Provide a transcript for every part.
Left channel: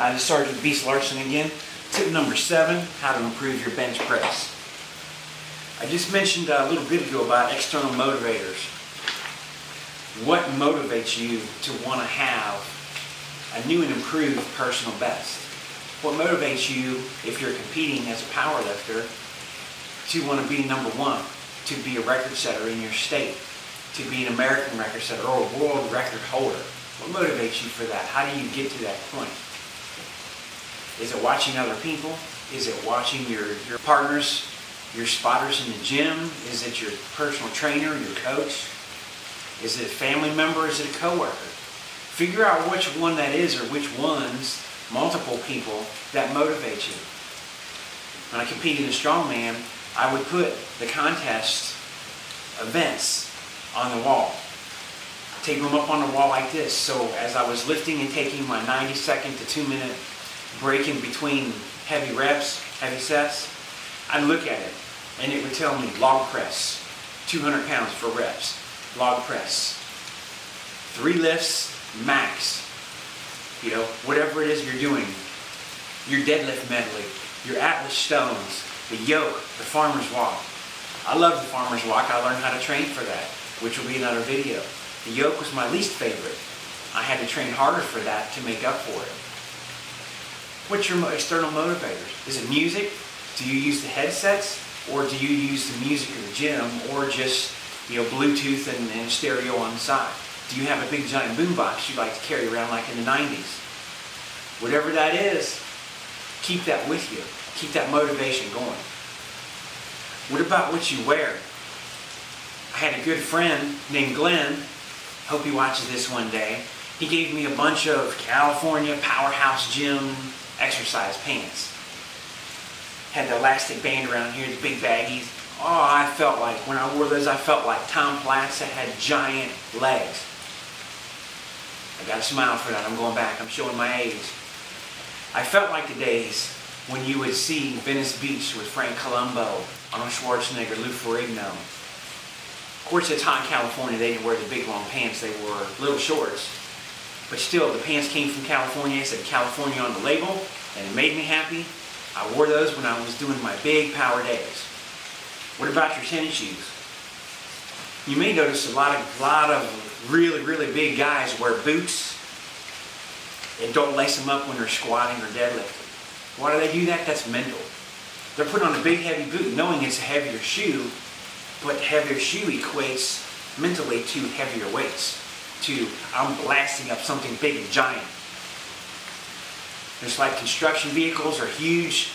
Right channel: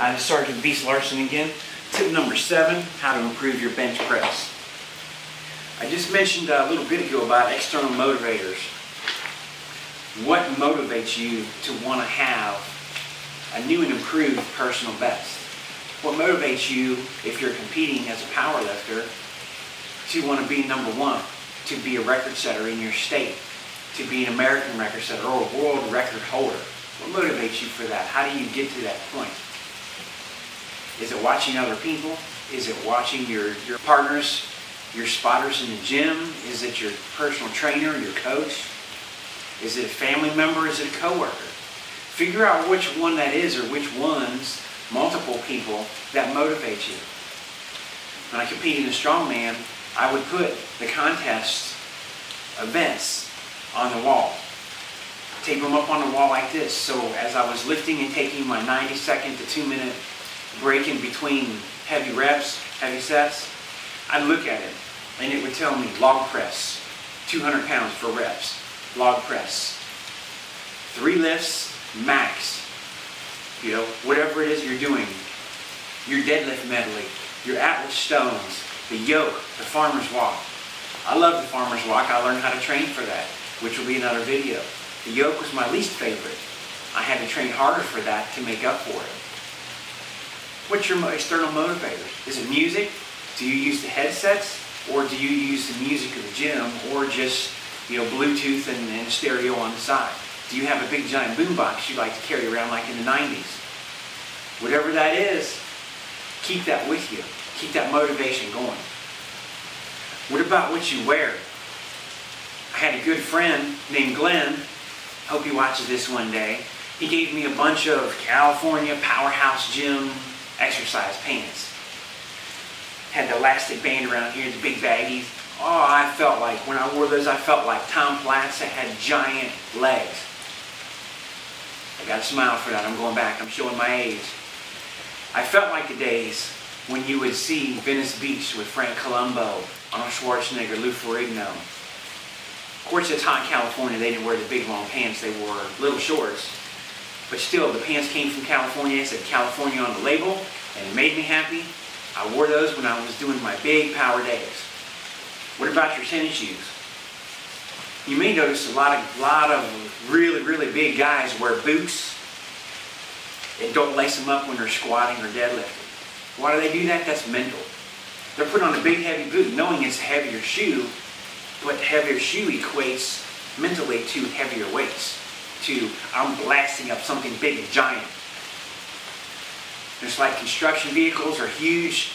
I'm Sergeant Beast Larson again. Tip number 7, how to improve your bench press. I just mentioned a little bit ago about external motivators. What motivates you to want to have a new and improved personal best? What motivates you, if you're competing as a power lifter, to want to be number 1, to be a record setter in your state, to be an American record setter or a world record holder? What motivates you for that? How do you get to that point? Is it watching other people? Is it watching your partners, your spotters in the gym? Is it your personal trainer, your coach? Is it a family member? Is it a coworker? Figure out which one that is, or which ones, multiple people, that motivate you. When I competed in strongman, I would put the contest events on the wall. Tape them up on the wall like this. So as I was lifting and taking my 90-second to 2-minute break in between heavy reps, heavy sets, I'd look at it and it would tell me log press, 200 pounds for reps, log press, 3 lifts max, whatever it is you're doing, your deadlift medley, your Atlas stones, the yoke, the farmer's walk. I love the farmer's walk. I learned how to train for that, which will be another video. The yoke was my least favorite. I had to train harder for that to make up for it. What's your external motivators? Is it music? Do you use the headsets? Or do you use the music of the gym? Or just Bluetooth and stereo on the side? Do you have a big giant boombox you like to carry around like in the 90s? Whatever that is, keep that with you. Keep that motivation going. What about what you wear? I had a good friend named Glenn. Hope he watches this one day. He gave me a bunch of California Powerhouse Gym exercise pants. Had the elastic band around here, the big baggies. Oh, I felt like, when I wore those, I felt like Tom Platz that had giant legs. I got a smile for that. I'm going back. I'm showing my age. I felt like the days when you would see Venice Beach with Frank Columbo, Arnold Schwarzenegger, Lou Ferrigno. Of course, it's hot in California. They didn't wear the big long pants. They wore little shorts. But still, the pants came from California. It said California on the label, and it made me happy. I wore those when I was doing my big power days. What about your tennis shoes? You may notice a lot of really, really big guys wear boots and don't lace them up when they're squatting or deadlifting. Why do they do that? That's mental. They're putting on a big, heavy boot knowing it's a heavier shoe, but heavier shoe equates mentally to heavier weights. To, I'm blasting up something big and giant. Just like construction vehicles are huge,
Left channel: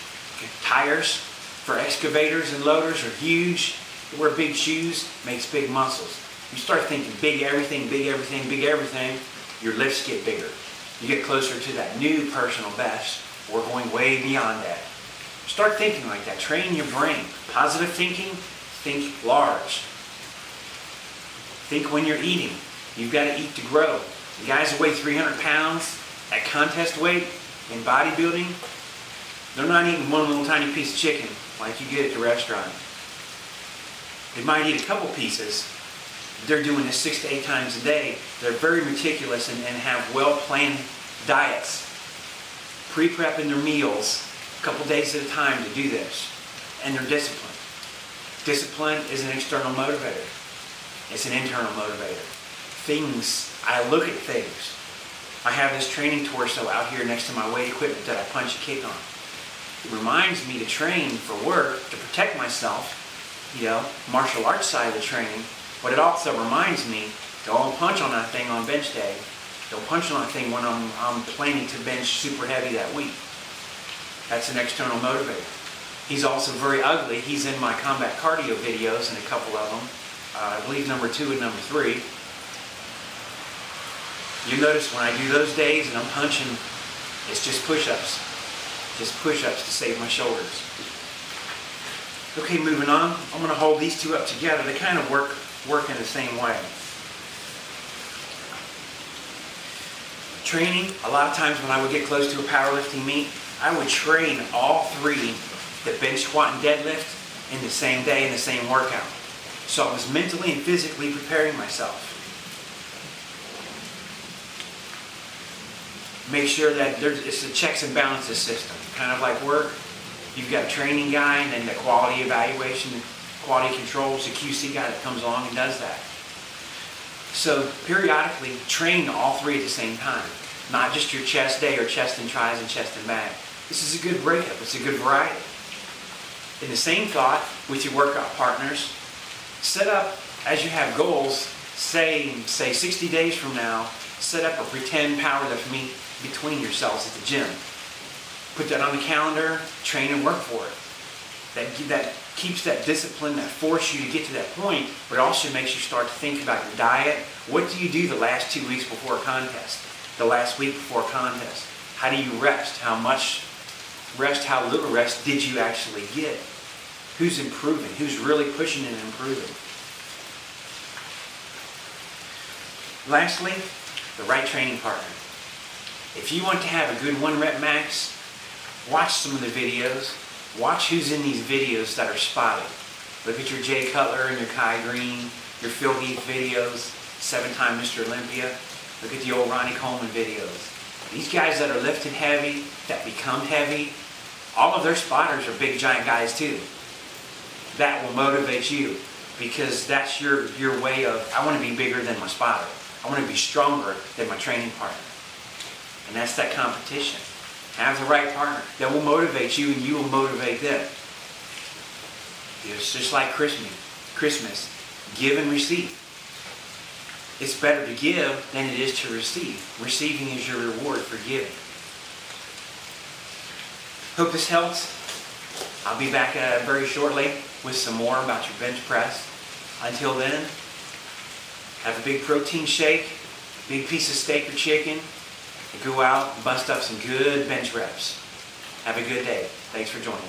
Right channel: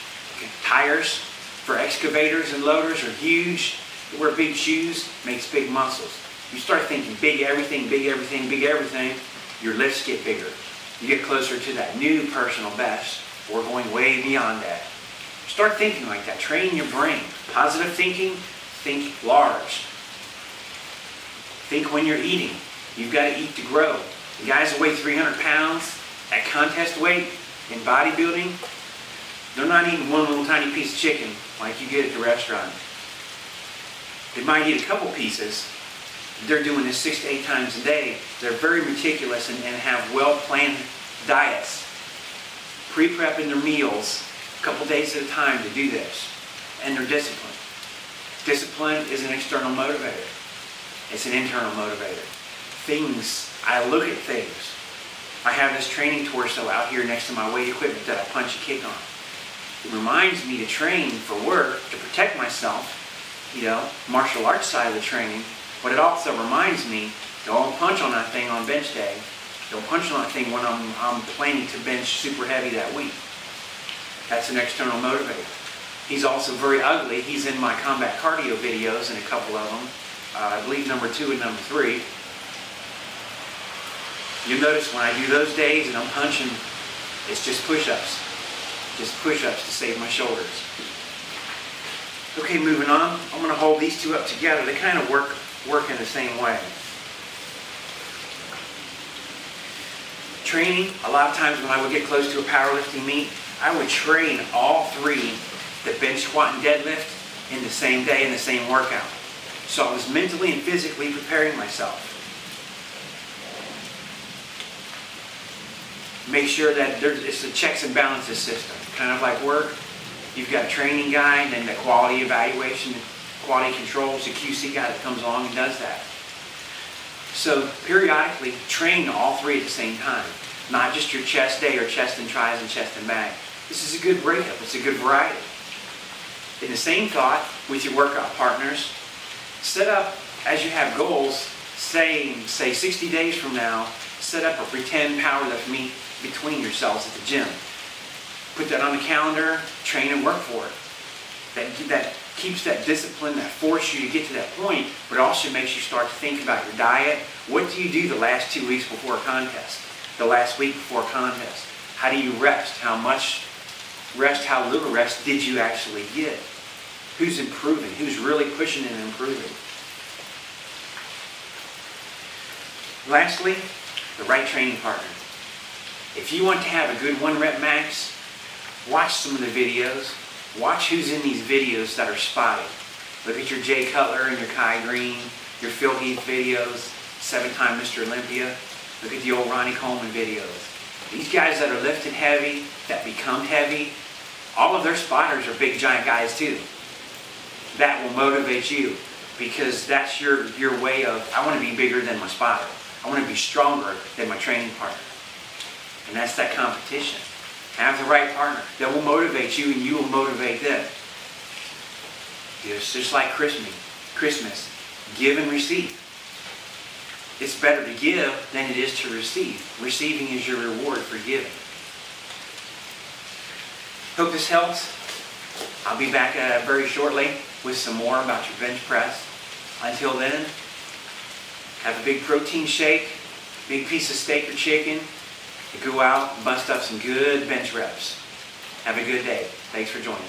tires for excavators and loaders are huge. You wear big shoes, makes big muscles. You start thinking big everything, big everything, big everything, your lifts get bigger. You get closer to that new personal best, or going way beyond that. Start thinking like that. Train your brain. Positive thinking, think large. Think when you're eating. You've got to eat to grow. The guys that weigh 300 pounds at contest weight in bodybuilding, they're not eating one little tiny piece of chicken like you get at the restaurant. They might eat a couple pieces. They're doing this 6 to 8 times a day. They're very meticulous and have well-planned diets. Pre-prepping their meals a couple days at a time to do this. And they're disciplined. Discipline is an external motivator. It's an internal motivator. I look at things. I have this training torso out here next to my weight equipment that I punch and kick on. It reminds me to train for work, to protect myself, martial arts side of the training, but it also reminds me, don't punch on that thing on bench day. Don't punch on that thing when I'm planning to bench super heavy that week. That's an external motivator. He's also very ugly. He's in my combat cardio videos, and a couple of them. I believe number 2 and number 3. You'll notice when I do those days and I'm punching, it's just push-ups. Just push-ups to save my shoulders. Okay, moving on. I'm going to hold these two up together. They kind of work in the same way. Training, a lot of times when I would get close to a powerlifting meet, I would train all 3, the bench, squat, and deadlift, in the same day, in the same workout. So I was mentally and physically preparing myself. Make sure that it's a checks and balances system, kind of like work. You've got a training guy, and then the quality evaluation, quality controls, the QC guy that comes along and does that. So periodically train all three at the same time, not just your chest day or chest and tries and chest and back. This is a good breakup. It's a good variety. In the same thought, with your workout partners, set up, as you have goals, say 60 days from now, set up a pretend power lift meet between yourselves at the gym. Put that on the calendar, train and work for it. That keeps that discipline, that forces you to get to that point, but it also makes you start to think about your diet. What do you do the last 2 weeks before a contest? The last week before a contest? How do you rest? How much rest, how little rest did you actually get? Who's improving? Who's really pushing and improving? Lastly, the right training partner. If you want to have a good 1 rep max, watch some of the videos. Watch who's in these videos that are spotty. Look at your Jay Cutler and your Kai Green, your Phil Heath videos, 7-time Mr. Olympia. Look at the old Ronnie Coleman videos. These guys that are lifted heavy, that become heavy, all of their spotters are big giant guys too. That will motivate you, because that's your way of, I want to be bigger than my spotter. I want to be stronger than my training partner. And that's that competition. Have the right partner that will motivate you and you will motivate them. It's just like Christmas. Give and receive. It's better to give than it is to receive. Receiving is your reward for giving. Hope this helps. I'll be back very shortly with some more about your bench press. Until then, have a big protein shake, big piece of steak or chicken. Go out and bust up some good bench reps. Have a good day. Thanks for joining.